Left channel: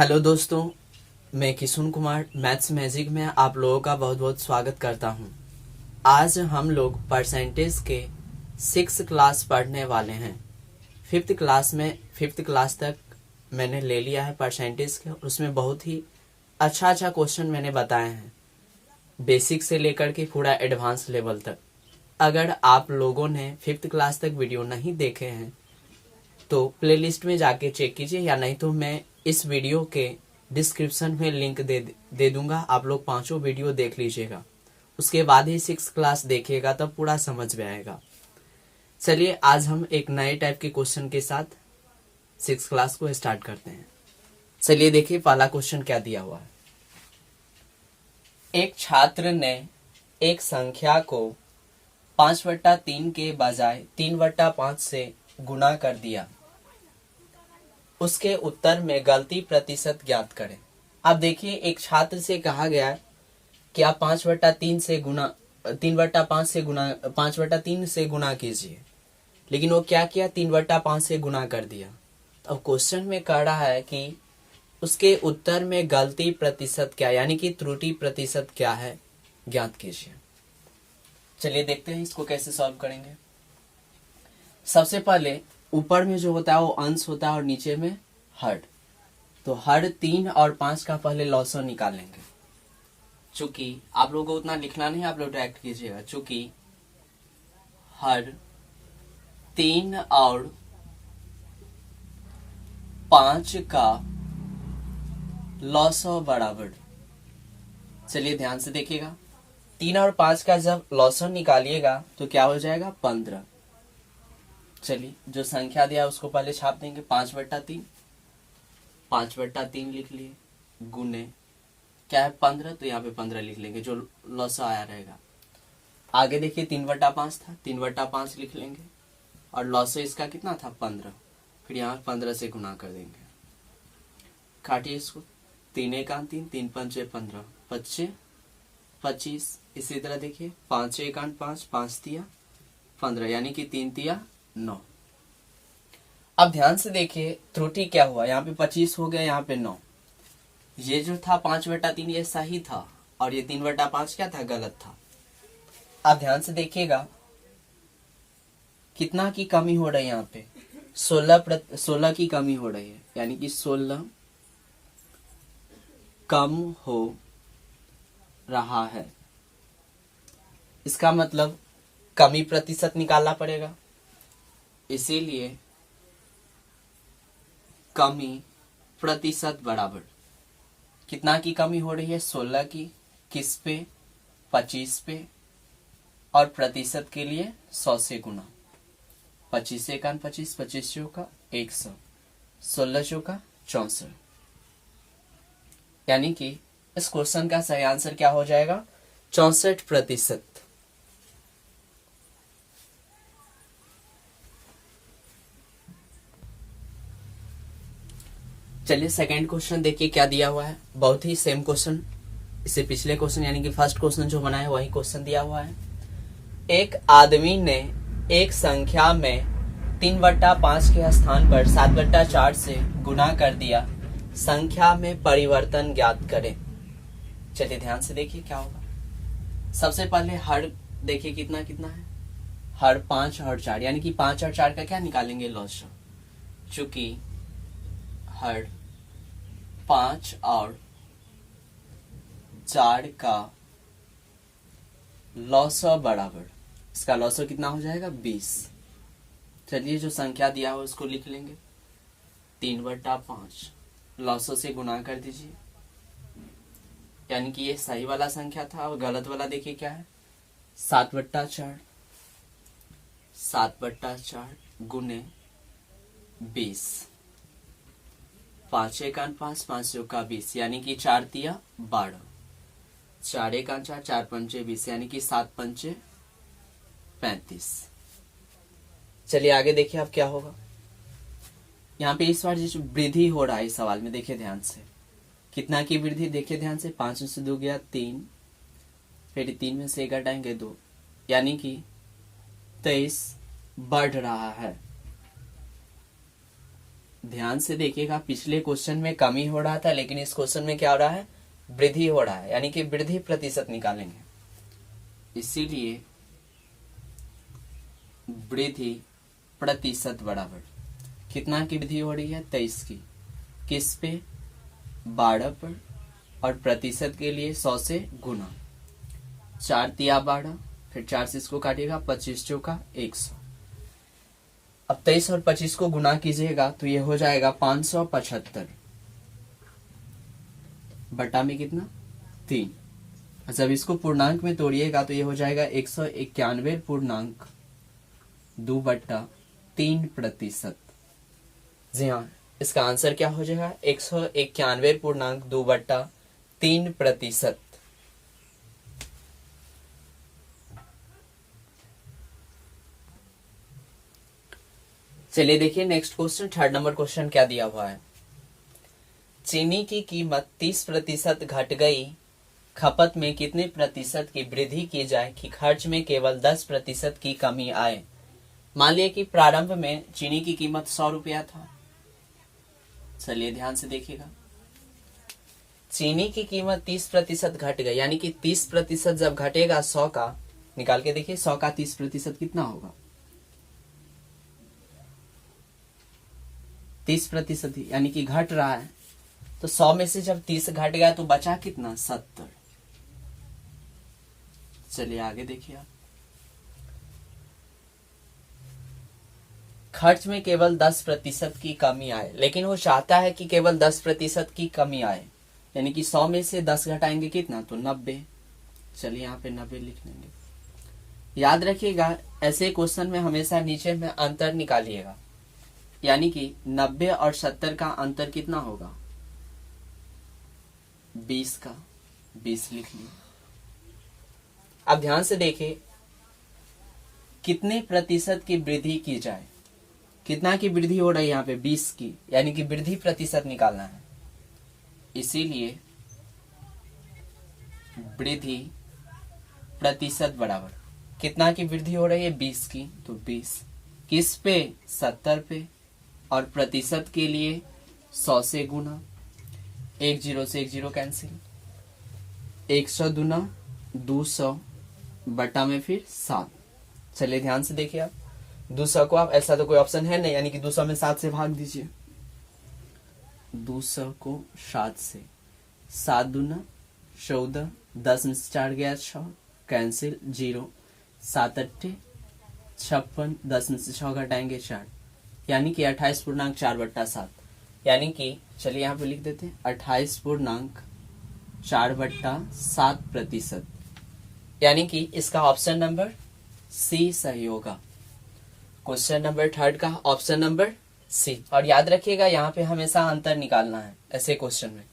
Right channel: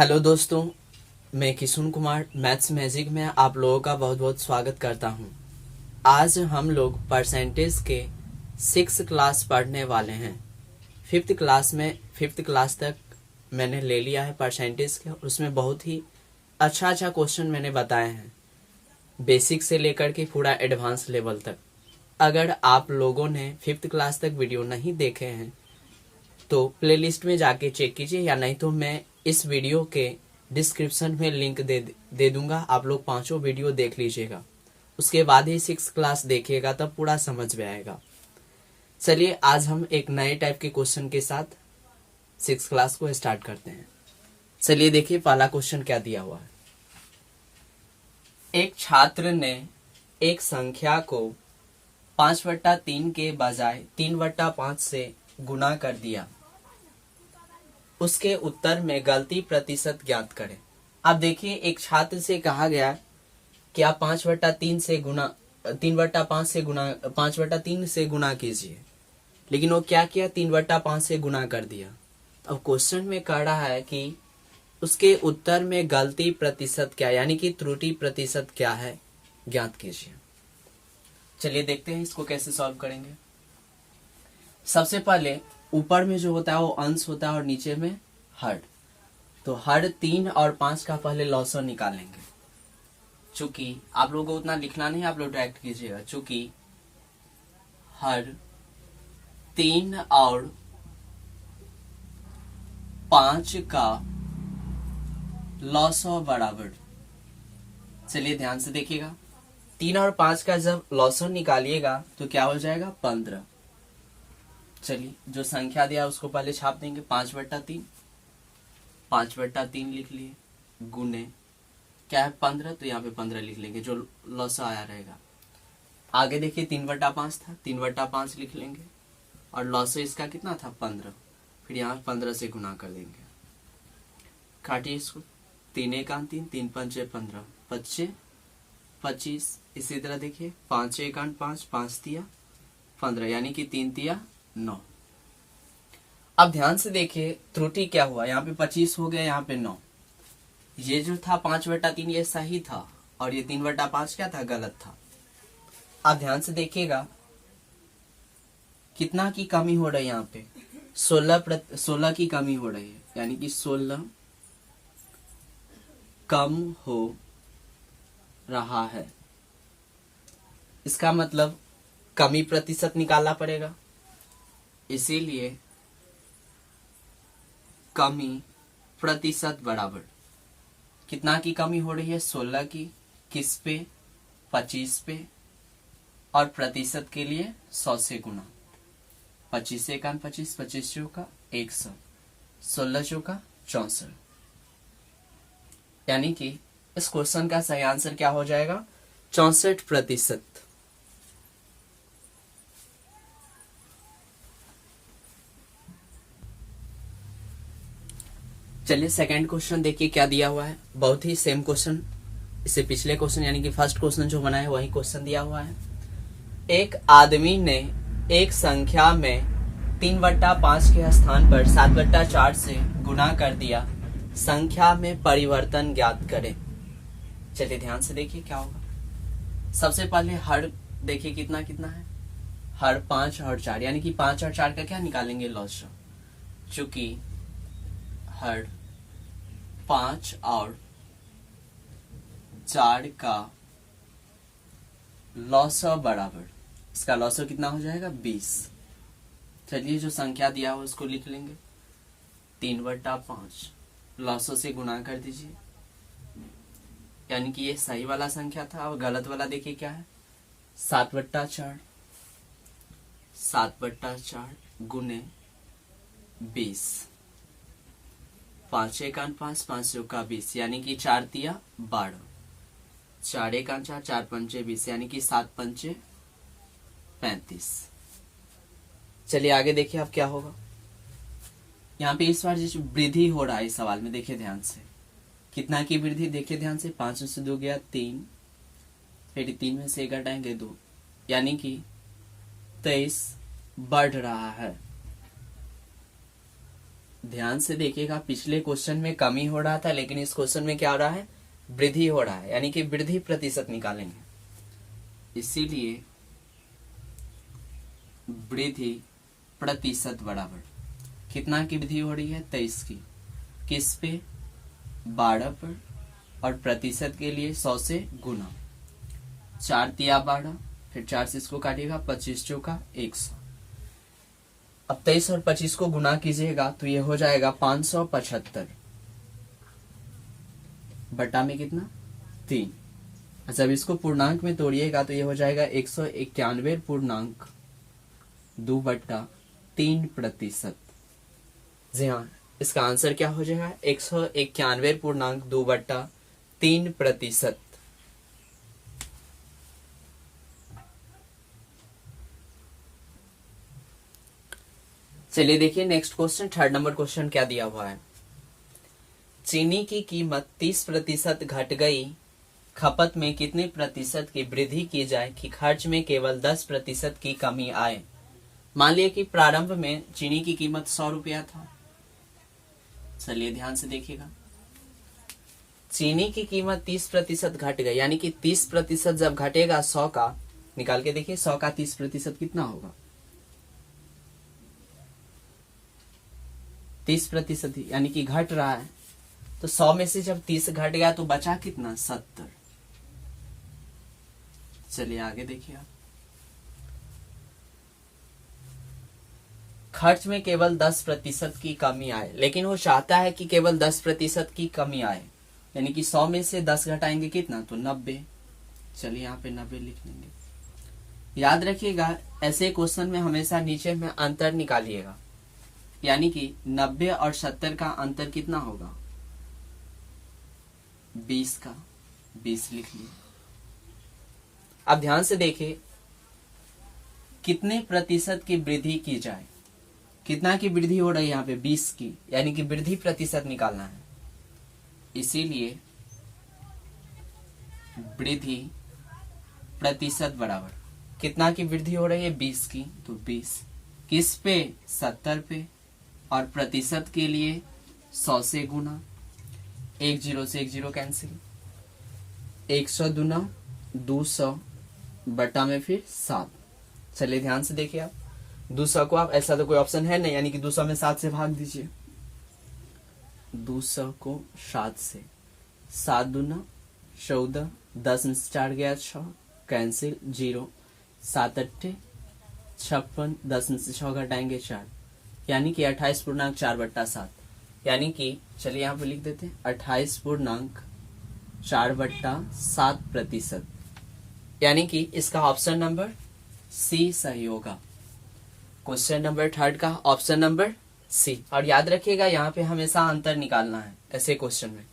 Hello दोस्तों, मैं Kishun Kumar maths magic में आप लोगों का बहुत बहुत स्वागत करता हूं। आज हम लोग परसेंटेज के 6th क्लास पढ़ने वाले हैं। फिफ्थ क्लास तक मैंने ले लिया है परसेंटेज के। उसमें बहुत ही अच्छा क्वेश्चन मैंने बताए हैं, बेसिक से लेकर के पूरा एडवांस लेवल तक। अगर आप लोगों ने 5th क्लास तक वीडियो नहीं देखे हैं तो प्लेलिस्ट में जाके चेक कीजिए, या नहीं तो मैं इस वीडियो के डिस्क्रिप्शन में लिंक दे दूंगा। आप लोग पांचों वीडियो देख लीजिएगा, उसके बाद ही 6th क्लास देखिएगा, तब पूरा समझ में आएगा। चलिए आज हम एक नए टाइप के क्वेश्चन के साथ 6th क्लास को स्टार्ट करते हैं। चलिए देखिए पहला क्वेश्चन क्या दिया हुआ है। एक छात्र ने एक संख्या को 5/3 के बजाय 3/5 से गुणा कर दिया। उसके उत्तर में गलती प्रतिशत ज्ञात करें। अब देखिए, एक छात्र से कहा गया है कि आप 5/3 से गुना 3/5 से गुना 5/3 से गुना कीजिए, लेकिन वो क्या किया, 3/5 से गुना कर दिया। अब क्वेश्चन में कह रहा है कि उसके उत्तर में गलती प्रतिशत क्या, यानी कि त्रुटि प्रतिशत क्या है, ज्ञात कीजिए। चलिए देखते हैं इसको कैसे सॉल्व करेंगे। सबसे पहले ऊपर में जो होता है वो अंश होता है और नीचे में हर। तो हर 3 और 5 का पहले लॉसर निकालेंगे। चूंकि आप लोगों को उतना लिखना नहीं, आप लोग डायरेक्ट कीजिएगा। चूंकि हर 3 और 5 का लॉसर बराबर। चलिए ध्यान से देखिएगा, 3 और 5 का जब लॉसर निकालिएगा तो क्या हो जाएगा, 15। चलिए जो संख्या दिया उसको पहले छाप देंगे। 5/3 5/3 लिख लिए, गुने क्या है 15, तो यहाँ पे 15 लिख लेंगे, जो लॉस आया रहेगा। आगे देखिए 3/5 था, 3/5 लिख लेंगे, और लॉस इसका कितना था, 15। फिर यहाँ 15 से गुना कर देंगे। काटिए इसको, 3 1 3, 3 5 15, 5 25। इसी तरह देखिए 5 1 5, 5 तिया 15, यानी कि 3 तिया 9। अब ध्यान से देखिए त्रुटि क्या हुआ, यहाँ पे 25 हो गया, यहाँ पे 9। ये जो था 5/3 ये सही था, और ये 3/5 क्या था, गलत था। अब ध्यान से देखिएगा कितना की कमी हो रही है, यहाँ पे 16 की कमी हो रही है, यानी कि 16 कम हो रहा है। इसका मतलब कमी प्रतिशत निकालना पड़ेगा, इसीलिए कमी प्रतिशत बराबर कितना की कमी हो रही है, 16 की। किस पे, 25 पे, और प्रतिशत के लिए 100 से गुना। 25 1 25, 25 चौका 100, 16 चौका 64। यानी कि इस क्वेश्चन का सही आंसर क्या हो जाएगा, 64%। चलिए सेकंड क्वेश्चन देखिए क्या दिया हुआ है। बहुत ही सेम क्वेश्चन, इससे पिछले क्वेश्चन यानी कि फर्स्ट क्वेश्चन जो बना है वही क्वेश्चन दिया हुआ है। एक आदमी ने एक संख्या में 3/5 के स्थान पर 7/4 से गुना कर दिया। संख्या में परिवर्तन ज्ञात करें। चलिए ध्यान से देखिए क्या होगा। सबसे पहले हर देखिए कितना कितना है, हर 5 और 4, यानी कि 5 और 4 का क्या निकालेंगे, लॉसर। चूंकि हर 5 और 4 का लॉसर बराबर, इसका लॉसर कितना हो जाएगा, 20। चलिए जो संख्या दिया हो उसको लिख लेंगे, 3/5 लॉसर से गुना कर दीजिए, यानी कि ये सही वाला संख्या था। और गलत वाला देखिए क्या है, 7/4 7/4 गुने 20। 5 1 5, 5 चौका 20, यानी कि 4 तिया 12, 4 1 4, 4 5 20, यानी कि 7 5 35। चलिए आगे देखिए अब क्या होगा। यहाँ पे इस बार जिस वृद्धि हो रहा है इस सवाल में, देखिए ध्यान से कितना की वृद्धि, देखिए ध्यान से, 5 से 2 गया 3, फिर 3 में से 1 घटाएंगे 2, यानी कि 23 बढ़ रहा है। ध्यान से देखिएगा, पिछले क्वेश्चन में कमी हो रहा था, लेकिन इस क्वेश्चन में क्या हो रहा है, वृद्धि हो रहा है, यानी कि वृद्धि प्रतिशत निकालेंगे। इसीलिए वृद्धि प्रतिशत बराबर कितना की वृद्धि हो रही है, 23 की। किस पे, 12 पर, और प्रतिशत के लिए 100 से गुना। 4 तिया 12, फिर 4 से इसको काटिएगा, 25 चौका 100। अब 23 और 25 को गुना कीजिएगा तो ये हो जाएगा 575 बटा में कितना, 3। जब इसको पूर्णांक में तोड़िएगा तो ये हो जाएगा 191.2/3%। जी हाँ, इसका आंसर क्या हो जाएगा, 191.2/3%। चलिए देखिए next question, 3rd number question क्या दिया हुआ है। चीनी की कीमत 30% घट गई, खपत में कितने प्रतिशत की वृद्धि की जाए कि खर्च में केवल 10% की कमी आए। मान लिया कि प्रारंभ में चीनी की कीमत 100 रुपया था। चलिए ध्यान से देखिएगा, चीनी की कीमत 30% घट गई, यानी कि 30% जब घटेगा 100 का, निकाल के देखिए 100 का 30% कितना होगा, 30%, यानी कि घट रहा है। तो 100 में से जब 30 घट गया तो बचा कितना, 70। चलिए आगे देखिए आप, खर्च में केवल 10% की कमी आए, लेकिन वो चाहता है कि केवल 10% की कमी आए, यानी कि 100 में से 10 घटाएंगे कितना, तो 90। चलिए यहाँ पे 90 लिख लेंगे। याद रखिएगा ऐसे क्वेश्चन में हमेशा नीचे में अंतर निकालिएगा, यानी कि 90 और 70 का अंतर कितना होगा, 20 का, 20 लिख लिया। अब ध्यान से देखिए, कितने प्रतिशत की वृद्धि की जाए, कितना की वृद्धि हो रही है यहाँ पे, 20 की, यानी कि वृद्धि प्रतिशत निकालना है। इसीलिए वृद्धि प्रतिशत बराबर कितना की वृद्धि हो रही है, 20 की, तो 20 किस पे, 70 पे, और प्रतिशत के लिए 100 से गुना। 1 0 से 1 0 कैंसिल, 100 दूना 200 बटा में फिर 7। चलिए ध्यान से देखिए आप, 200 को आप, ऐसा तो कोई ऑप्शन है नहीं, यानी कि 200 में 7 से भाग दीजिए। 200 को 7 से, 7 दूना 14, 10 में से 4 गया 6, कैंसिल 0, 7 8 56, 10 में से 6 घटाएंगे 4, यानी कि 28.4/7, यानी कि चलिए यहाँ पे लिख देते हैं 28.4/7%, यानी कि इसका ऑप्शन नंबर सी सही होगा। क्वेश्चन नंबर 3rd का ऑप्शन नंबर सी। और याद रखिएगा यहाँ पे हमेशा अंतर निकालना है ऐसे क्वेश्चन में।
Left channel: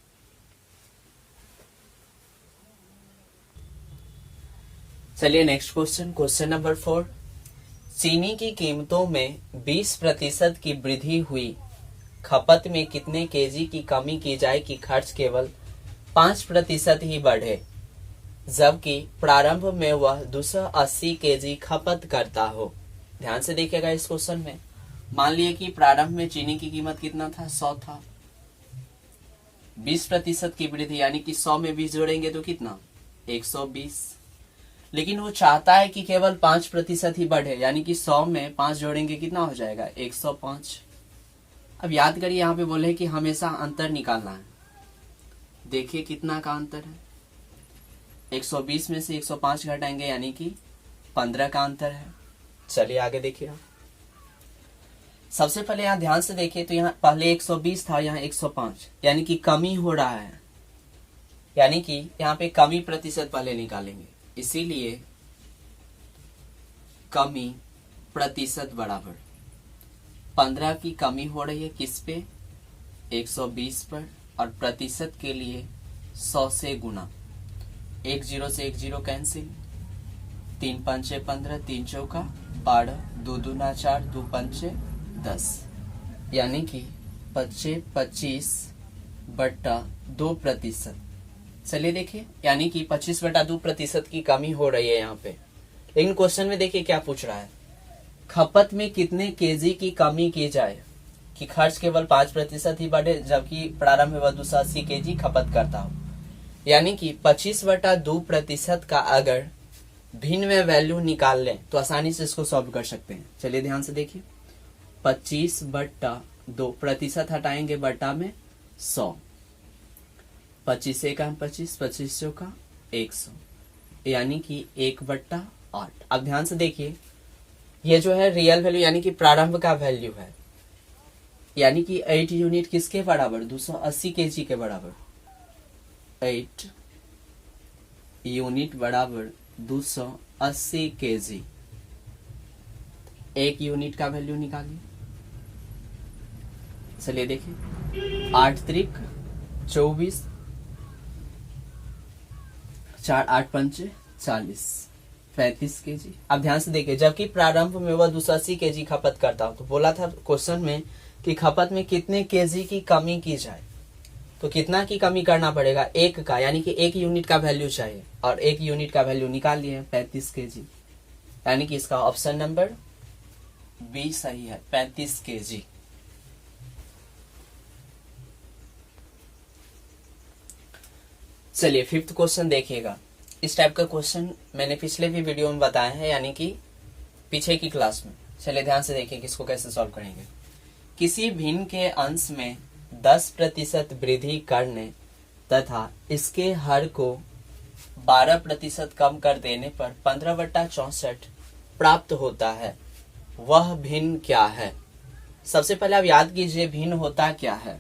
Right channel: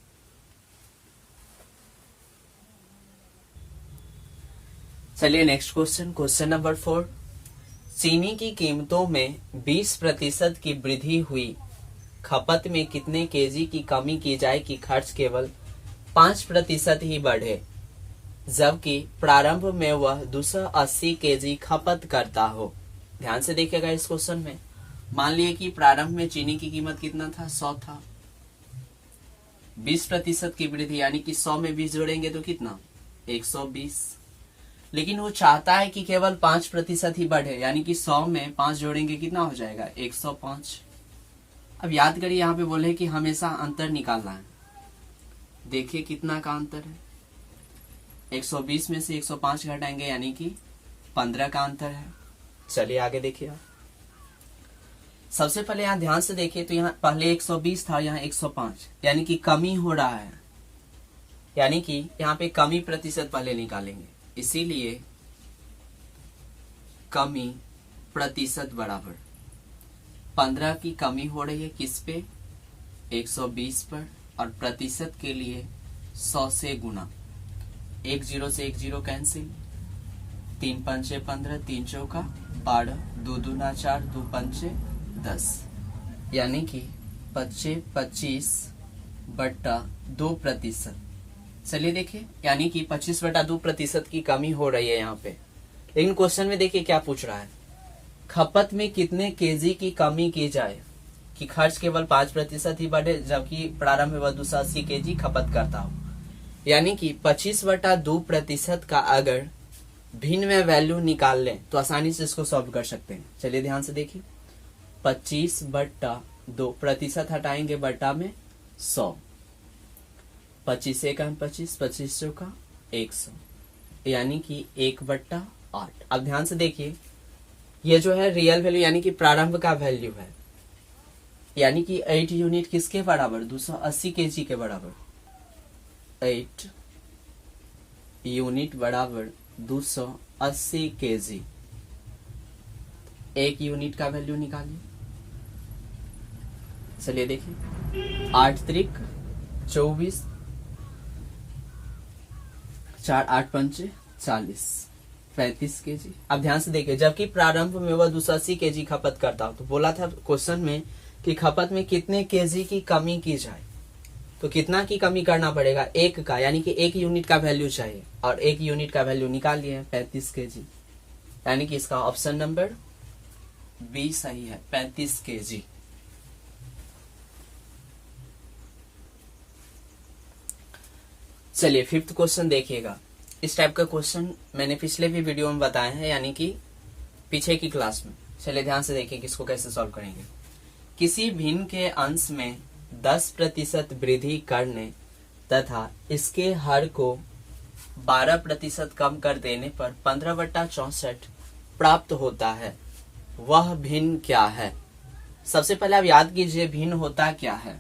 चलिए नेक्स्ट क्वेश्चन, क्वेश्चन नंबर 4। चीनी की कीमतों में 20% की वृद्धि हुई, खपत में कितने केजी की कमी की जाए कि खर्च केवल 5% ही बढ़े, जबकि प्रारंभ में वह 280 केजी खपत करता हो। ध्यान से देखिएगा इस क्वेश्चन में, मान लिए कि प्रारंभ में चीनी की कीमत कितना था, 100 था, 20% की वृद्धि, यानी कि 100 में 20 जोड़ेंगे तो कितना, 120। लेकिन वो चाहता है कि केवल 5% ही बढ़े, यानी कि 100 में 5 जोड़ेंगे कितना हो जाएगा, 105। अब याद करिए यहाँ पे बोले कि हमेशा अंतर निकालना है। देखिए कितना का अंतर है, 120 में से 105 घटाएंगे, यानी कि 15 का अंतर है। चलिए आगे देखिए आप, सबसे पहले यहाँ ध्यान से देखिए तो यहाँ पहले 120 था, यहाँ 105, यानी कि कमी हो रहा है, यानी कि यहाँ पे कमी प्रतिशत पहले निकालेंगे। इसीलिए कमी प्रतिशत बराबर 15 की कमी हो रही है किस पे, 120 पर, और प्रतिशत के लिए 100 से गुना। 1 0 से 1 0 कैंसिल, 3 5 15, 3 चौका 12, 2 दूना 4, 2 पंचे 10, यानी कि 25/2%। चलिए देखिए, यानी कि 25/2% की कमी हो रही है यहाँ पे। लेकिन क्वेश्चन में देखिए क्या पूछ रहा है, खपत में कितने केजी की कमी की जाए कि खर्च केवल 5% ही बढ़े जबकि प्रारंभ में वह 280 केजी खपत करता हो। यानी कि 25/2% का अगर भिन्न में वैल्यू निकाल लें तो आसानी से इसको सॉल्व कर सकते हैं। चलिए ध्यान से देखिए, 25/2 प्रतिशत हटाएंगे बटा में 100, 25 एक 25, 25 का 100, यानी कि 1/8। अब ध्यान से देखिए, ये जो है रियल वैल्यू यानी कि प्रारंभ का वैल्यू है, यानी कि 8 यूनिट किसके बराबर, 280 केजी के बराबर। 8 यूनिट बराबर 280 केजी। 1 यूनिट का वैल्यू निकालिए। चलिए देखिए, 8 त्रिक 24, 4 8 पंचे 40, 35 केजी। अब ध्यान से देखिए, जबकि प्रारंभ में वह 280 केजी खपत करता हो, तो बोला था क्वेश्चन में कि खपत में कितने केजी की कमी की जाए, तो कितना की कमी करना पड़ेगा, 1 का, यानी कि 1 यूनिट का वैल्यू चाहिए, और 1 यूनिट का वैल्यू निकाल लिए 35 केजी, यानी कि इसका ऑप्शन नंबर बी सही है, 35 केजी। चलिए फिफ्थ क्वेश्चन देखिएगा। इस टाइप का क्वेश्चन मैंने पिछले भी वीडियो में बताए हैं, यानी कि पीछे की क्लास में। चलिए ध्यान से देखिए कि इसको कैसे सॉल्व करेंगे। किसी भिन्न के अंश में 10% वृद्धि करने तथा इसके हर को 12% कम कर देने पर 15/64 प्राप्त होता है, वह भिन्न क्या है। सबसे पहले आप याद कीजिए भिन्न होता क्या है।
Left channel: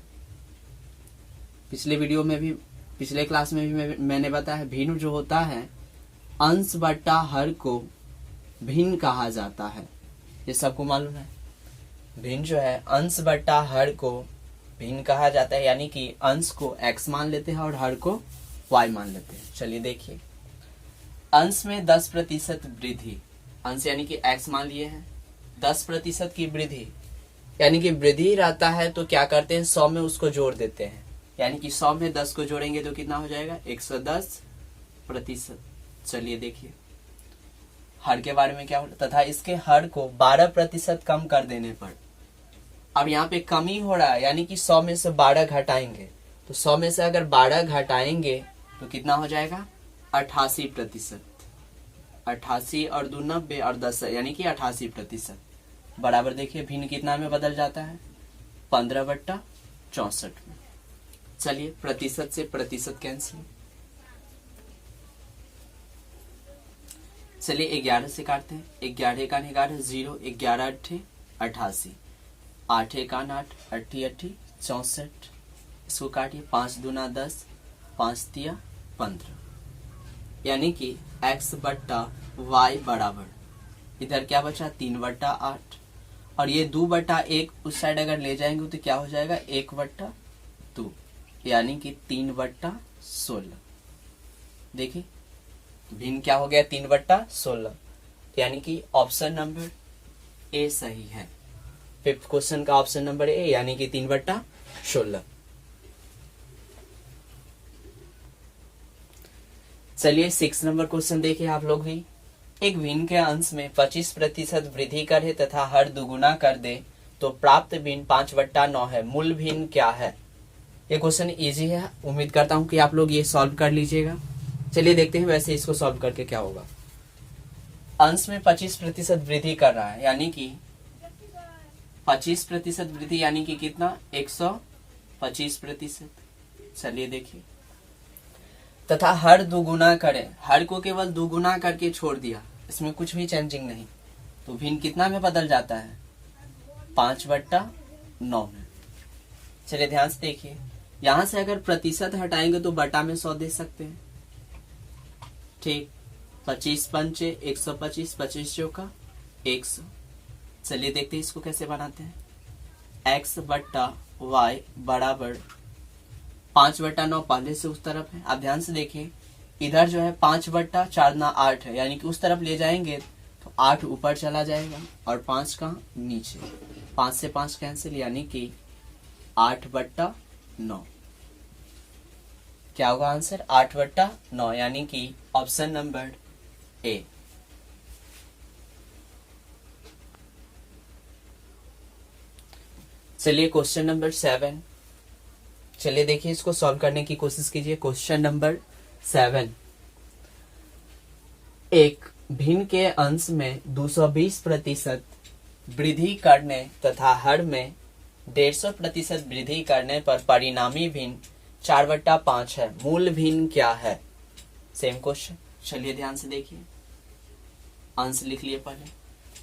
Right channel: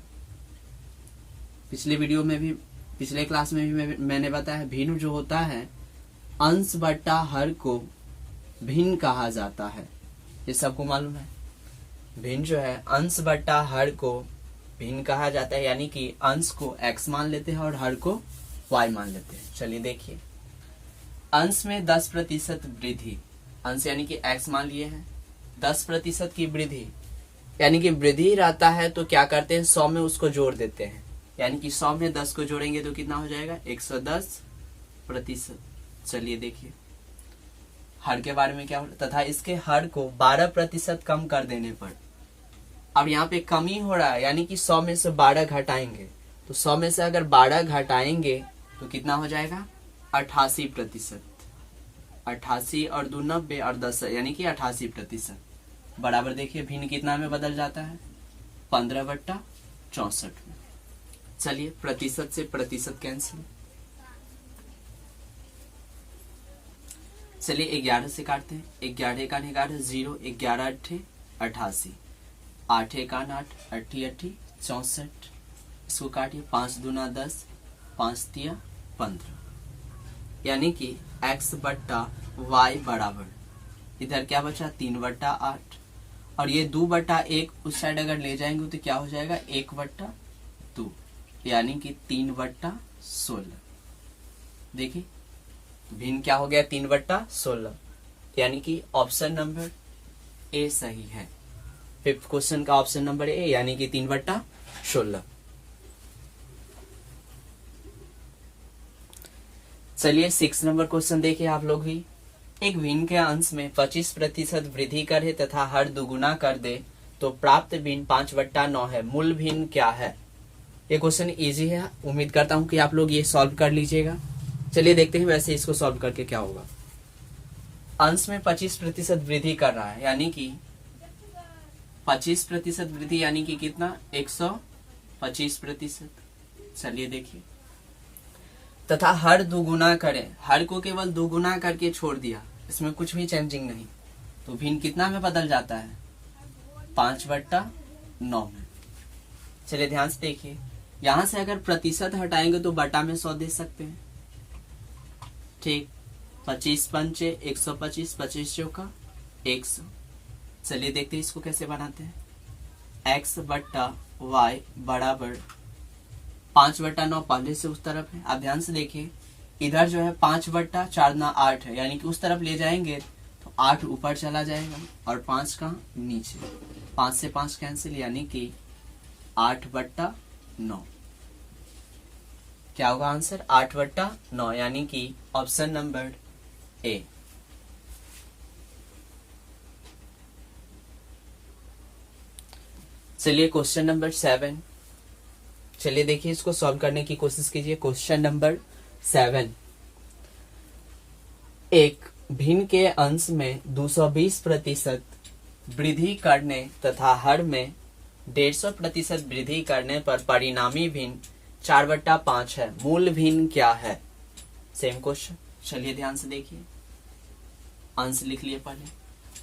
पिछले क्लास में भी मैंने बताया, भिन्न जो होता है अंश बटा हर को भिन्न कहा जाता है, ये सबको मालूम है। भिन्न जो है अंश बटा हर को भिन्न कहा जाता है, यानी कि अंश को x मान लेते हैं और हर को y मान लेते हैं। चलिए देखिए, अंश में 10% वृद्धि, अंश यानी कि x मान लिए हैं, 10% की वृद्धि यानी कि वृद्धि रहता है तो क्या करते हैं, 100 में उसको जोड़ देते हैं, यानी कि 100 में 10 को जोड़ेंगे तो कितना हो जाएगा, 110%। चलिए देखिए हर के बारे में क्या हो, तथा इसके हर को 12% कम कर देने पर, अब यहाँ पे कमी हो रहा है, यानी कि 100 में से 12 घटाएंगे, तो 100 में से अगर 12 घटाएंगे तो कितना हो जाएगा, 88%। 88 और 2 90 और 10 यानी कि 88% बराबर। देखिए भिन्न कितना में बदल जाता है, 15/64 में। चलिए प्रतिशत से प्रतिशत कैंसिल। चलिए 11 से काटते हैं, 11 का 11 0, 11 8 88, 8 1 8 8 8 64, इसको काटिए, 5 दूना 10, 5 तिया 15, यानी कि x बट्टा y बराबर, इधर क्या बचा 3/8, और ये 2/1 उस साइड अगर ले जाएंगे तो क्या हो जाएगा 1/2, यानी कि 3/16। देखिए भिन्न क्या हो गया, 3/16, यानी कि ऑप्शन नंबर ए सही है। फिफ्थ क्वेश्चन का ऑप्शन नंबर ए, यानी कि 3/16। चलिए 6 नंबर क्वेश्चन देखिए आप लोग भी। एक भिन्न के अंश में 25% वृद्धि करे तथा हर दुगुना कर दे तो प्राप्त भिन्न 5/9 है, मूल भिन्न क्या है। ये क्वेश्चन इजी है, उम्मीद करता हूं कि आप लोग ये सॉल्व कर लीजिएगा। चलिए देखते हैं वैसे इसको सॉल्व करके क्या होगा। अंश में 25% वृद्धि कर रहा है, यानी कि 25% वृद्धि यानी कि कितना, 125%। चलिए देखिए, तथा हर दुगुना करे, हर को केवल दुगुना करके छोड़ दिया, इसमें कुछ भी चेंजिंग नहीं, तो भिन्न कितना में बदल जाता है, 5/9 में। चलिए ध्यान से देखिए, यहां से अगर प्रतिशत हटाएंगे तो बटा में 100 दे सकते हैं, ठीक। 25 पंचे 125, 25 चौका 100। चलिए देखते हैं इसको कैसे बनाते हैं। x बट्टा y बराबर 5/9, पहले से उस तरफ है। आप ध्यान से देखिए, इधर जो है 5/4 ना 8 है, यानी कि उस तरफ ले जाएंगे तो 8 ऊपर चला जाएगा और 5 का नीचे, 5 से 5 कैंसिल, यानी कि 8/9। क्या होगा आंसर, 8/9, यानी कि ऑप्शन नंबर ए। चलिए क्वेश्चन नंबर 7, चलिए देखिए इसको सॉल्व करने की कोशिश कीजिए। क्वेश्चन नंबर 7, एक भिन्न के अंश में 220% वृद्धि करने तथा हर में 150% वृद्धि करने पर परिणामी भिन्न 4/5 है। मूल भिन्न क्या है? सेम क्वेश्चन, चलिए ध्यान से देखिए। अंश लिख लिए पहले।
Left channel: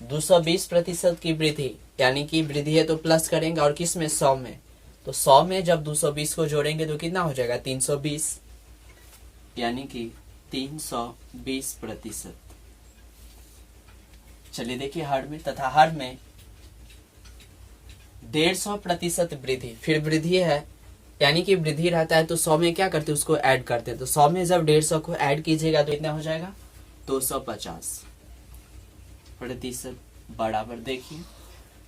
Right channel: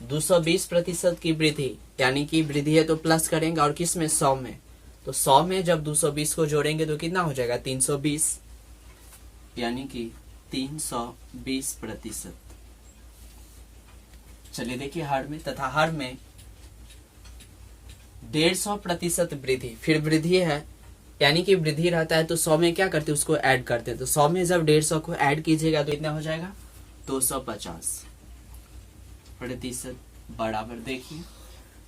220% की वृद्धि, यानी कि वृद्धि है तो प्लस करेंगे, और किस में? 100 में। तो 100 में जब 220 को जोड़ेंगे तो कितना हो जाएगा? 320, यानी कि 320%। चलिए देखिए हर में, तथा हर में 150% वृद्धि, फिर वृद्धि है यानी कि वृद्धि रहता है तो 100 में क्या करते हैं? उसको ऐड करते हैं। तो 100 में जब 150 को ऐड कीजिएगा तो इतना हो जाएगा 250% बराबर। देखिए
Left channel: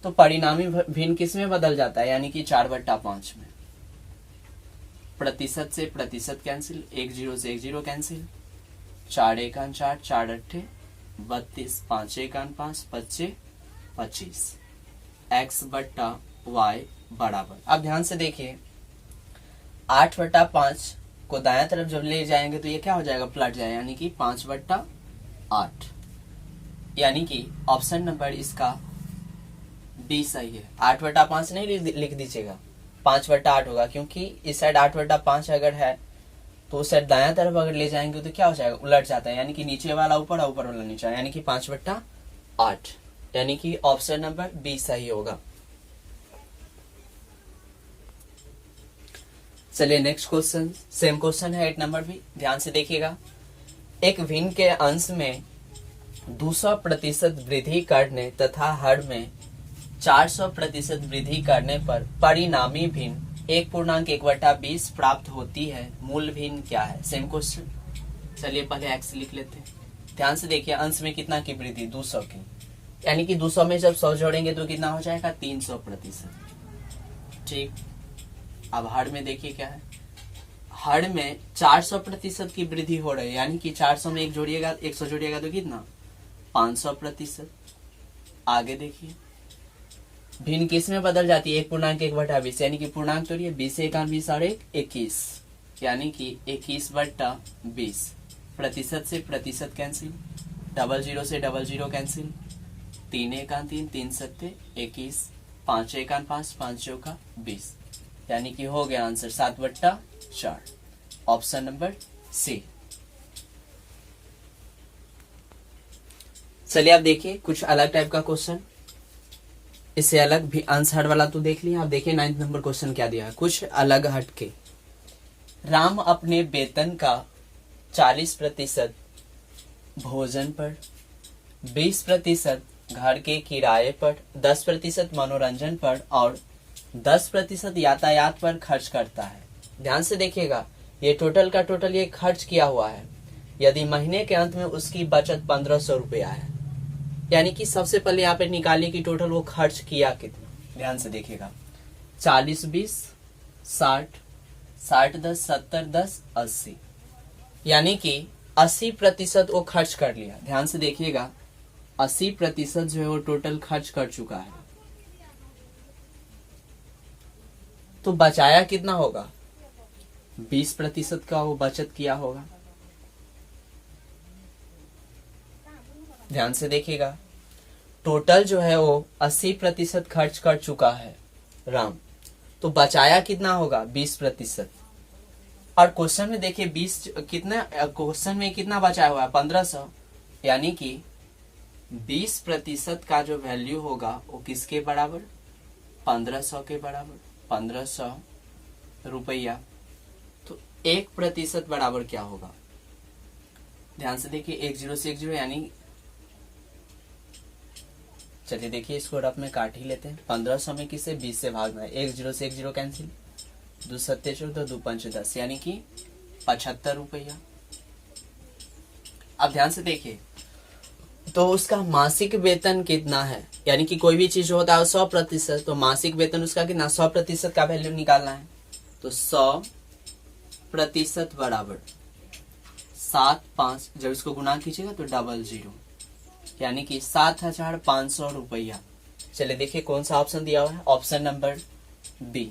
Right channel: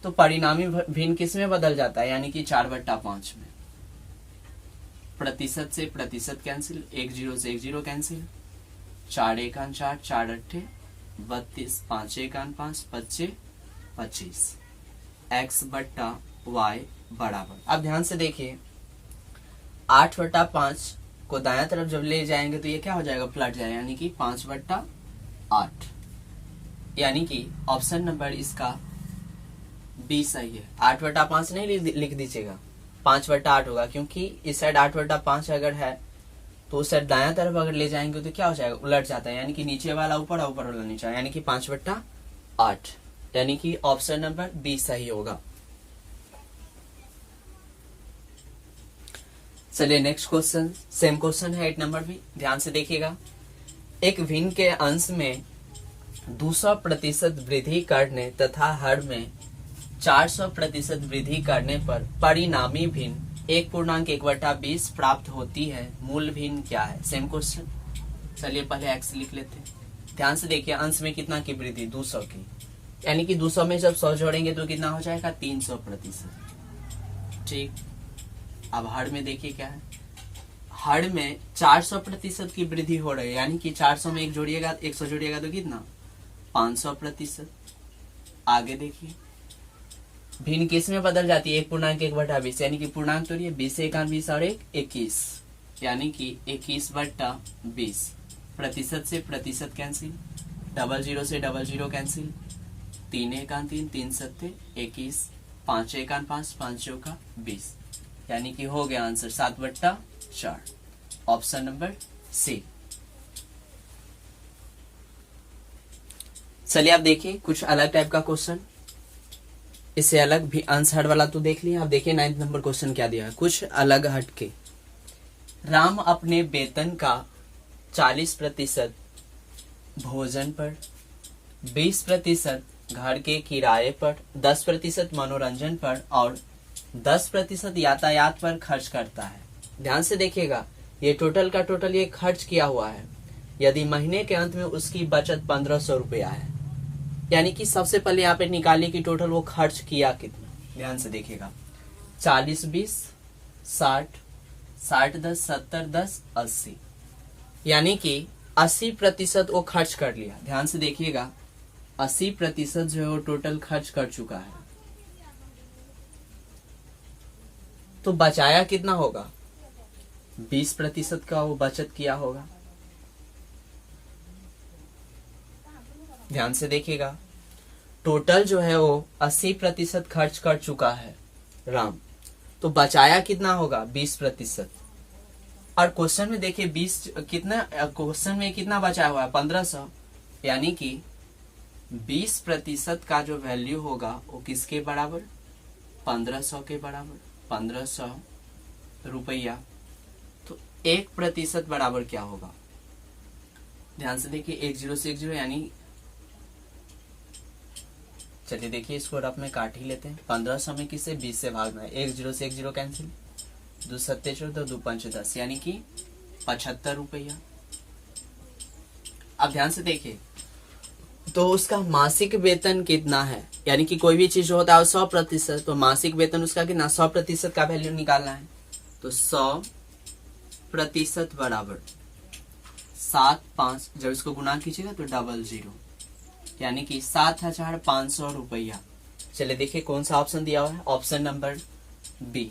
तो परिणामी भिन्न किस में बदल जाता है? यानी कि 4/5 में। प्रतिशत से प्रतिशत कैंसिल, 1 0 से 1 0 कैंसिल, 4 1 4, 4 8 32, 5 1 5, 25 25, x/y बराबर। अब ध्यान से देखिए 8/5 को दायां तरफ जब ले जाएंगे तो ये क्या हो जाएगा? पलट जाएगा, यानी कि 5/8, यानी कि ऑप्शन नंबर इसका बी सही है। 8/5 नहीं लिख दीजिएगा, 5/8 होगा, क्योंकि इस साइड 8/5 अगर है तो उस साइड दायां तरफ अगर ले जाएंगे तो क्या हो जाएगा? उलट जाता है, यानी कि नीचे वाला ऊपर और ऊपर वाला नीचे, यानी कि 5/8, यानी कि ऑप्शन नंबर बी सही होगा। चलिए नेक्स्ट क्वेश्चन, सेम क्वेश्चन है 8 नंबर भी, ध्यान से देखिएगा। एक भिन्न के अंश में 200% वृद्धि करने तथा हर में 400% वृद्धि करने पर परिणामी भिन्न 1.1/20 प्राप्त होती है। मूल भिन्न क्या है? सेम क्वेश्चन, चलिए पहले एक्स लिख लेते हैं। ध्यान से देखिए अंश में कितना की वृद्धि? 200 की, यानी कि 200 में जब 100 जोड़ेंगे तो कितना हो जाएगा? 300%। ठीक, अब हर में देखिए क्या है? हर में 400% की वृद्धि हो रही है, यानी कि 400 में 1 जोड़िएगा, 100 जोड़िएगा तो कितना? 500%। आगे देखिए भिन्न किस में बदल जाती है? 1.1/20, यानी कि पूर्णांक तोड़िए, 20 1 20 और 1 21, यानी कि 21/20। प्रतिशत से प्रतिशत कैंसिल, 00 से 00 कैंसिल, 3 1 3, 3 7 21, 5 1 5, 5 चौका 20, यानी कि हो गया आंसर 7/4, ऑप्शन नंबर सी। चलिए आप देखिए कुछ अलग टाइप का क्वेश्चन, इससे अलग भी आंसर वाला तो देख लिया। आप देखिए 9 नंबर क्वेश्चन क्या दिया है, कुछ अलग हटके। राम अपने वेतन का 40% भोजन पर, 20% घर के किराए पर, 10% मनोरंजन पर और 10% यातायात पर खर्च करता है। ध्यान से देखिएगा ये टोटल का टोटल ये खर्च किया हुआ है। यदि महीने के अंत में उसकी बचत 1500 रुपया है, यानी कि सबसे पहले यहाँ पे निकालने की टोटल वो खर्च किया कितना। ध्यान से देखिएगा 40 20 60 60 10 70 10 80, यानी कि 80% वो खर्च कर लिया। ध्यान से देखिएगा 80% जो है वो टोटल खर्च कर चुका है। तो बचाया कितना होगा? 20% का वो बचत किया होगा। ध्यान से देखिएगा टोटल जो है वो 80% खर्च कर चुका है राम, तो बचाया कितना होगा? 20%। और क्वेश्चन में देखिए 20 कितना, क्वेश्चन में कितना बचा हुआ है? 1500, यानी कि 20% का जो वैल्यू होगा वो किसके बराबर? 1500 के बराबर, 1500 रुपया। तो 1% बराबर क्या होगा? ध्यान से देखिए 1 0 से 1 0, यानी चलिए देखिए इसको रफ में काट ही लेते हैं। 1500 में किसे 20 से भागना है, 1 0 से 1 0 कैंसिल, 2 7 14 2 5 10, यानी कि 75 रुपया। अब ध्यान से देखिए तो उसका मासिक वेतन कितना है, यानी कि कोई भी चीज होता है 100%, तो मासिक वेतन उसका कितना? 100% का वैल्यू निकालना है। तो 100% बराबर 7 5, जब इसको गुना कीजिएगा तो 00, यानी कि 7500 रुपया। चलिए देखिए कौन सा ऑप्शन दिया हुआ है? ऑप्शन नंबर बी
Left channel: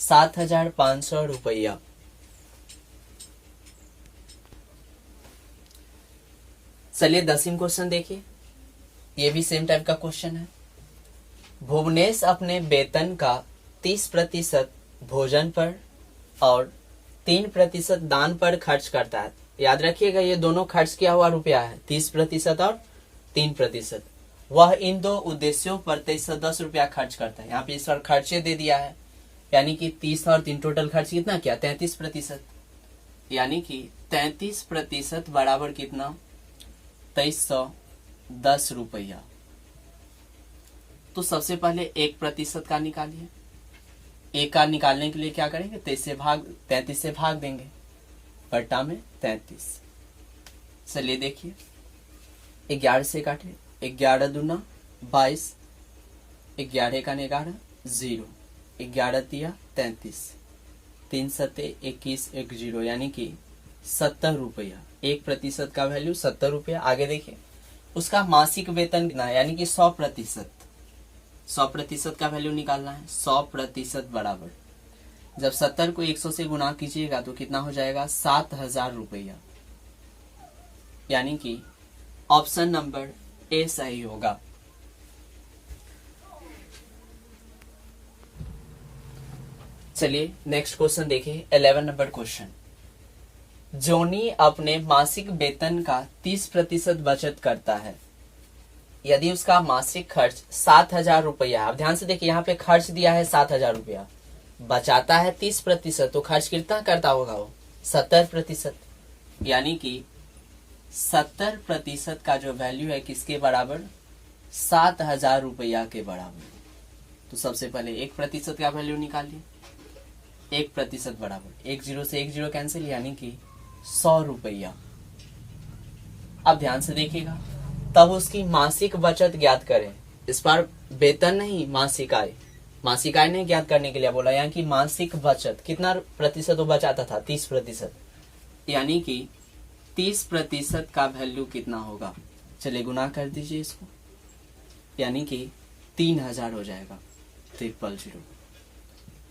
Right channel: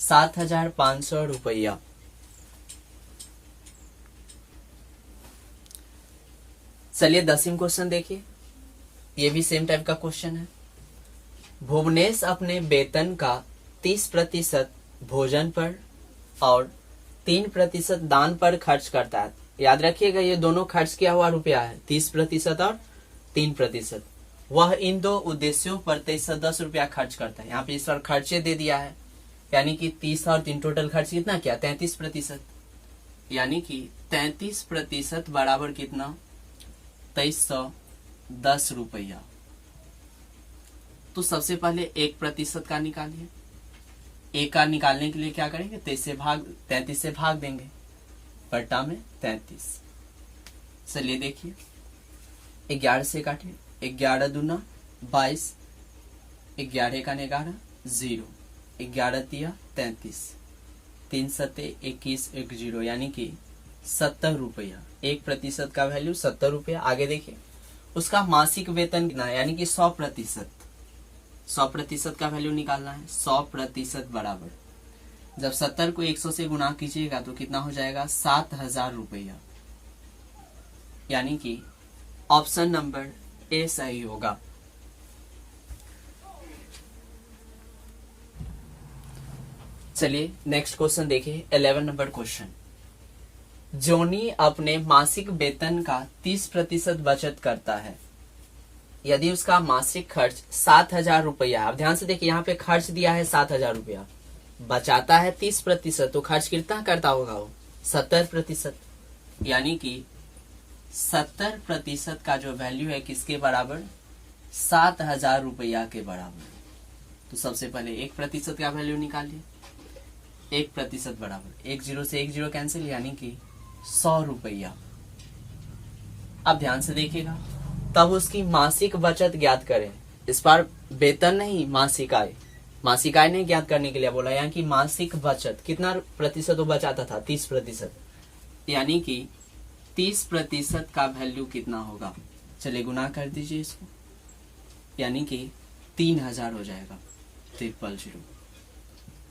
7,500 रुपया। चलिए 10वीं क्वेश्चन देखिए, ये भी सेम टाइप का क्वेश्चन है। भुवनेश अपने वेतन का 30% भोजन पर और 3% दान पर खर्च करता है। याद रखिएगा ये दोनों खर्च किया हुआ रुपया है, 30% और 3%। वह इन दो उद्देश्यों पर 2310 रुपया खर्च करता है। यहाँ पे इस बार खर्चे दे दिया है, यानी कि 30 और 3 टोटल खर्च कितना किया, 33%। यानी कि 33% बराबर कितना, 2310 रुपया। तो सबसे पहले 1% का निकालिए। एक का निकालने के लिए क्या करेंगे, 33 से भाग देंगे, बट्टा में 33। चलिए देखिए, 11 से काटे, 11 दूना 22, 11 का 11 0, 11 तिया 33, 3 सत्ते 21, 1 0, यानी कि 70 रुपया। 1% का वैल्यू 70 रुपया। आगे देखिए, उसका मासिक वेतन कितना है, यानी कि 100%। 100% का वैल्यू निकालना है। 100% बराबर, जब 70 को 100 से गुणा कीजिएगा तो कितना हो जाएगा, 7,000 रुपया। यानी कि ऑप्शन नंबर ए सही होगा। चलिए नेक्स्ट क्वेश्चन देखिए, 11 नंबर क्वेश्चन। जोनी अपने मासिक वेतन का 30% बचत करता है। यदि उसका मासिक खर्च 7,000 रुपया, अब ध्यान से देखिए, यहाँ पे खर्च दिया है 7,000 रुपया, बचाता है 30%, तो खर्च कितना करता होगा वो, 70%। यानी कि 70% का जो वैल्यू है किसके बराबर, 7,000 रुपया के बराबर। तो सबसे पहले 1% का वैल्यू निकालिए। 1% बराबर 1 0 से 1 0 कैंसिल, यानी कि 100 रुपया। अब ध्यान से देखिएगा, तब उसकी मासिक बचत ज्ञात करें। इस बार वेतन नहीं, मासिक आय। मासिक आय नहीं ज्ञात करने के लिए बोला, यानी कि मासिक बचत कितना प्रतिशत वो बचाता था, 30%। यानी कि 30% का वैल्यू कितना होगा, चलिए गुना कर दीजिए इसको, यानी कि 3,000 हो जाएगा। 300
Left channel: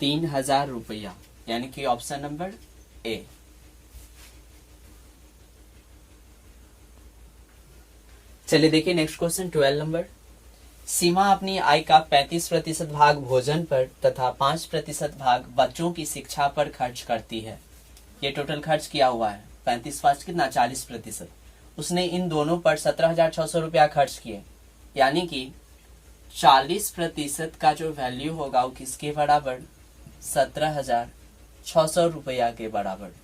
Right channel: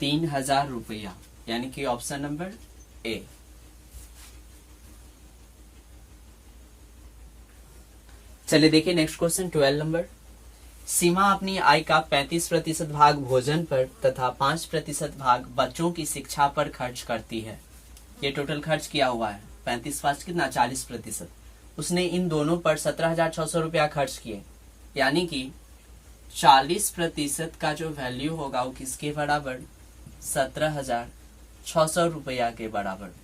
3,000 रुपया, यानी कि ऑप्शन नंबर ए। चलिए देखिए नेक्स्ट क्वेश्चन, 12 नंबर। सीमा अपनी आय का 35% भाग भोजन पर तथा 5% भाग बच्चों की शिक्षा पर खर्च करती है। ये टोटल खर्च किया हुआ है, 35 कितना, 40%। उसने इन दोनों पर 17,600 रुपया खर्च किए। यानी कि 40% का जो वैल्यू होगा वो किसके बराबर, 17,600 रुपया के बराबर।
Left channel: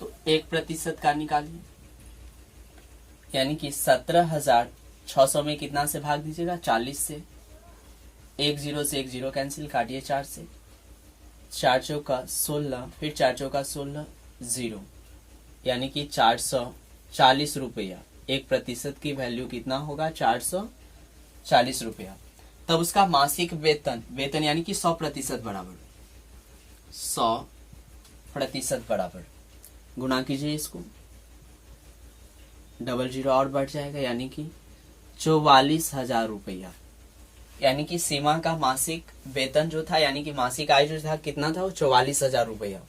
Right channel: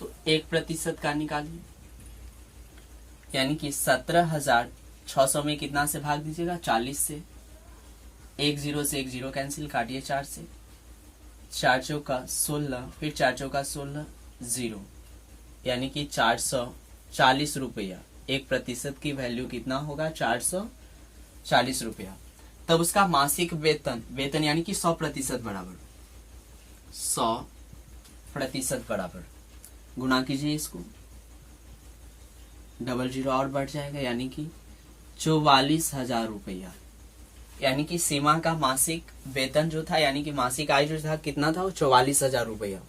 तो 1% का निकालिए, यानी कि 17,600 में कितना से भाग दीजिएगा, 40 से। 1 0 से 1 0 कैंसिल, काटिए 4 से, 4 चौका 16, फिर 4 चौका 16 0, यानी कि 440 रुपया। 1% की वैल्यू कितना होगा, 440 रुपया। तब उसका मासिक वेतन यानी कि 100% बराबर, 100% बराबर, गुना कीजिए इसको, 00 और बढ़ जाएगा, यानी कि 44,000 रुपया। यानी कि सीमा का मासिक वेतन जो था, यानी कि मासिक आय जो था कितना था, वो 44,000 रुपया।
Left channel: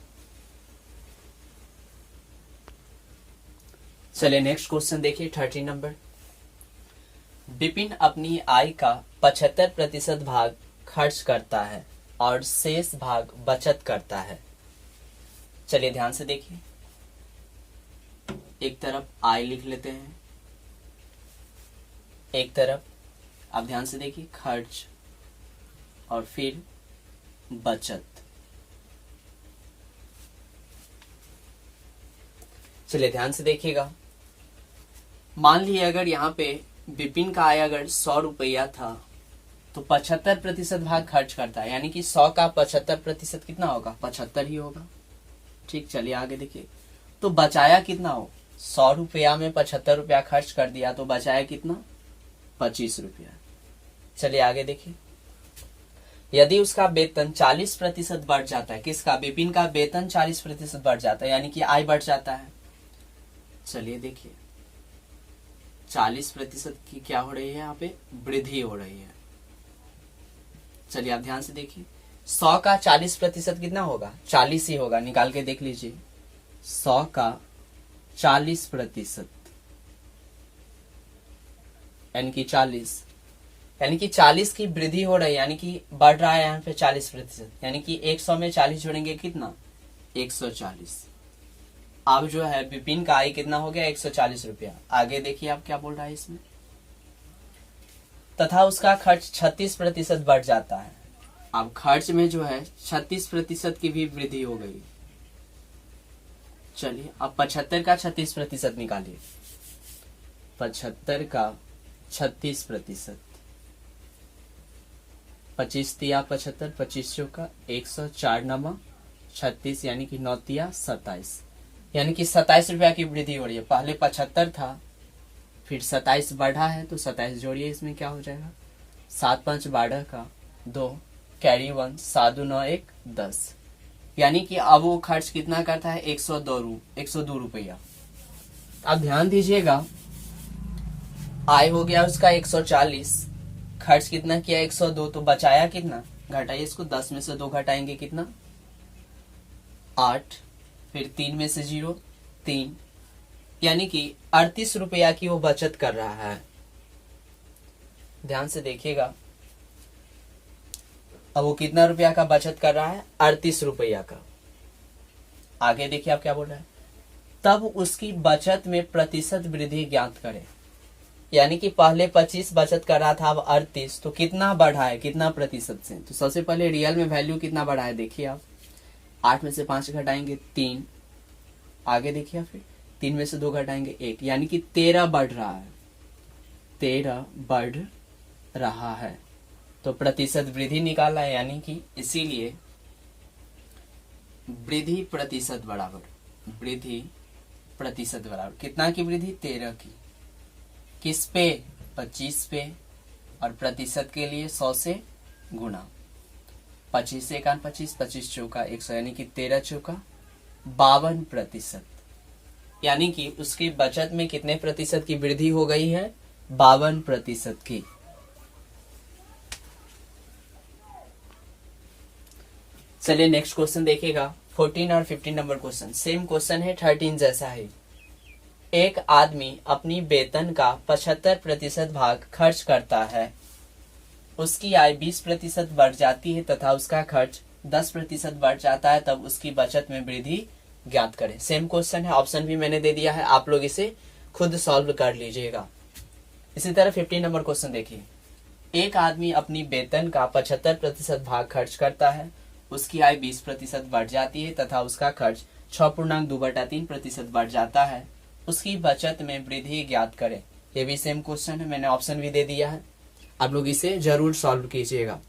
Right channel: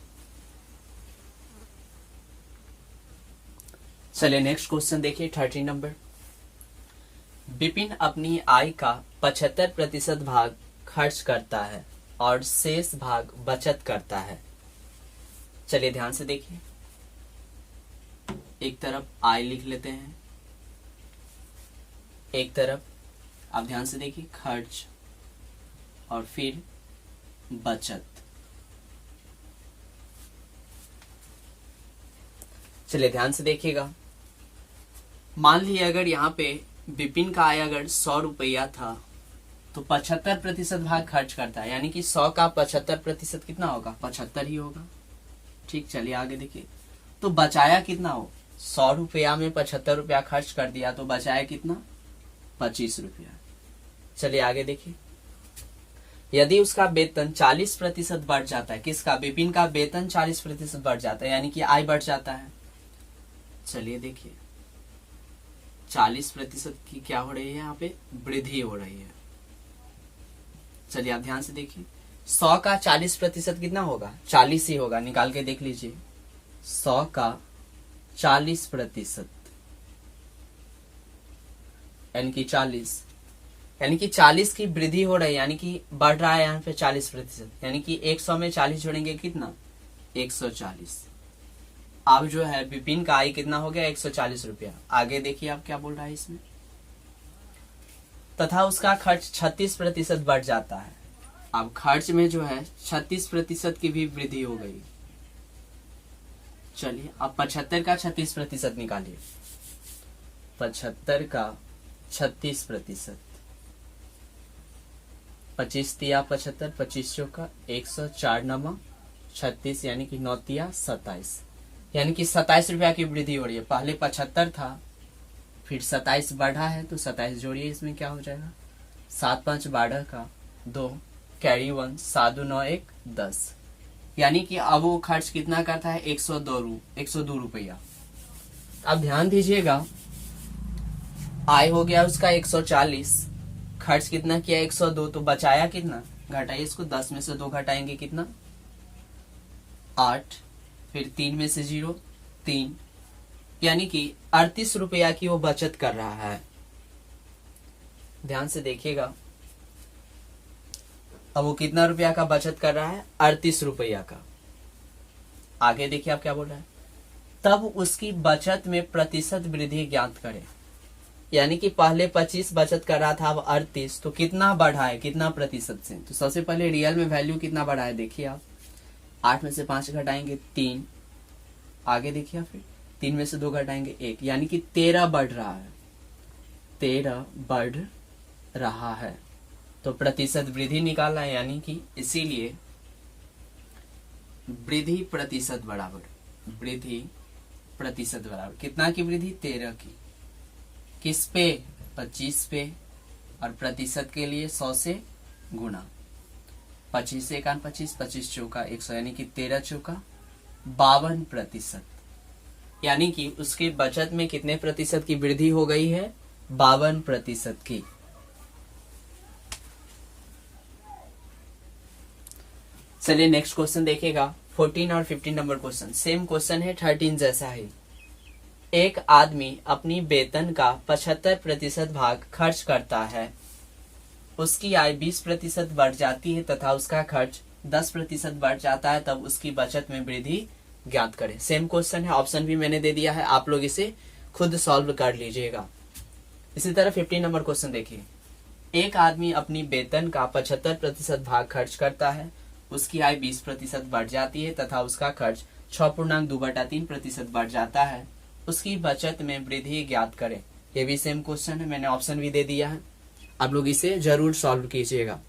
चलिए नेक्स्ट क्वेश्चन देखिए, 13 नंबर। विपिन अपनी आय का 75% भाग खर्च करता है और शेष भाग बचत करता है। चलिए ध्यान से देखिए, एक तरफ आय लिख लेते हैं, एक तरफ अब ध्यान से देखिए खर्च और फिर बचत। चलिए ध्यान से देखिएगा, मान लीजिए अगर यहाँ पे विपिन का आय अगर 100 रुपया था तो 75% भाग खर्च करता है, यानी कि 100 का 75% कितना होगा, 75 ही होगा। ठीक, चलिए आगे देखिए, तो बचाया कितना हो, 100 रुपया में 75 रुपया खर्च कर दिया तो बचाया कितना, 25 रुपया। चलिए आगे देखिए, यदि उसका वेतन 40% बढ़ जाता है, किसका, विपिन का वेतन 40% बढ़ जाता है, यानी कि आय बढ़ जाता है। चलिए देखिए 40% की क्या हो रही है, यहाँ पे वृद्धि हो रही है। चलिए आप ध्यान से देखिए, 100 का 40% कितना होगा? 40 ही होगा, निकाल के देख लीजिए। 100 का 40% यानी कि 40, यानी कि 40 की वृद्धि हो रही है, यानी कि बढ़ रहा है यहाँ पे 40%, यानी कि 100 में 40 जोड़ेंगे कितना? 140। अब जो है विपिन का आय कितना हो गया? 140 रुपया। आगे देखिए आप क्या बोल रहा है इसमें, तथा उसका खर्च 36% बढ़ जाता है। अब खर्च में जो है 36% की भी वृद्धि हो गई। चलिए अब 75 का 36% निकालिए। 75 का 36%, 25 तिया 75, 25 चौका 104 नमा 36, यानी कि 9 तिया 27, यानी कि 27 रुपया की वृद्धि हो रही है। पहले 75 था, फिर 27 बढ़ा है, तो 27 जोड़िए, इसमें क्या हो जाएगा? 7 5 12 का 2 कैरी 1 7 2 9 1 10, यानी कि अब वो खर्च कितना करता है? 102 रुपया। अब ध्यान दीजिएगा, आय हो गया उसका 140, खर्च कितना किया? 102, तो बचाया कितना? घटाइए इसको, 10 में से 2 घटाएंगे कितना? 8, फिर 3 में से 0 3, यानी कि 38 रुपया की वो बचत कर रहा है। ध्यान से देखिएगा, अब वो कितना रुपया का बचत कर रहा है? 38 रुपया का। आगे देखिए आप क्या बोल रहा है, तब उसकी बचत में प्रतिशत वृद्धि ज्ञात करें। यानी कि पहले 25 बचत कर रहा था, अब 38, तो कितना बढ़ा है? कितना प्रतिशत से? तो सबसे पहले रियल में वैल्यू कितना बढ़ा है देखिए आप, 8 में से 5 घटाएंगे 3, आगे देखिए फिर 3 में से 2 घटाएंगे 1, यानी कि 13 बढ़ रहा है, 13 बढ़ रहा है, तो प्रतिशत वृद्धि निकाला है, यानी कि इसीलिए वृद्धि प्रतिशत बराबर कितना की वृद्धि? 13 की। किस पे? 25 पे, और प्रतिशत के लिए 100 से गुणा। 25 से 1 25, 25 चौका 100, यानी कि 13 चौका 52%, यानी कि उसकी बचत में कितने प्रतिशत की वृद्धि हो गई है? 52% की। चलिए नेक्स्ट क्वेश्चन देखिएगा, 14 और 15 नंबर क्वेश्चन। सेम क्वेश्चन है, 13 जैसा है। एक आदमी अपनी वेतन का 75% भाग खर्च करता है, उसकी आय 20% बढ़ जाती है तथा उसका खर्च 10% बढ़ जाता है, तब उसकी बचत में वृद्धि ज्ञात करें। सेम क्वेश्चन है, ऑप्शन भी मैंने दे दिया है, आप लोग इसे खुद सॉल्व कर लीजिएगा। इसी तरह 15 नंबर क्वेश्चन देखिए, एक आदमी अपनी वेतन का 75% भाग खर्च करता है, उसकी आय 20% बढ़ जाती है तथा उसका खर्च 6.2/3% बढ़ जाता है, उसकी बचत में वृद्धि ज्ञात करें। ये भी सेम क्वेश्चन है, मैंने ऑप्शन भी दे दिया है, आप लोग इसे जरूर सॉल्व कीजिएगा।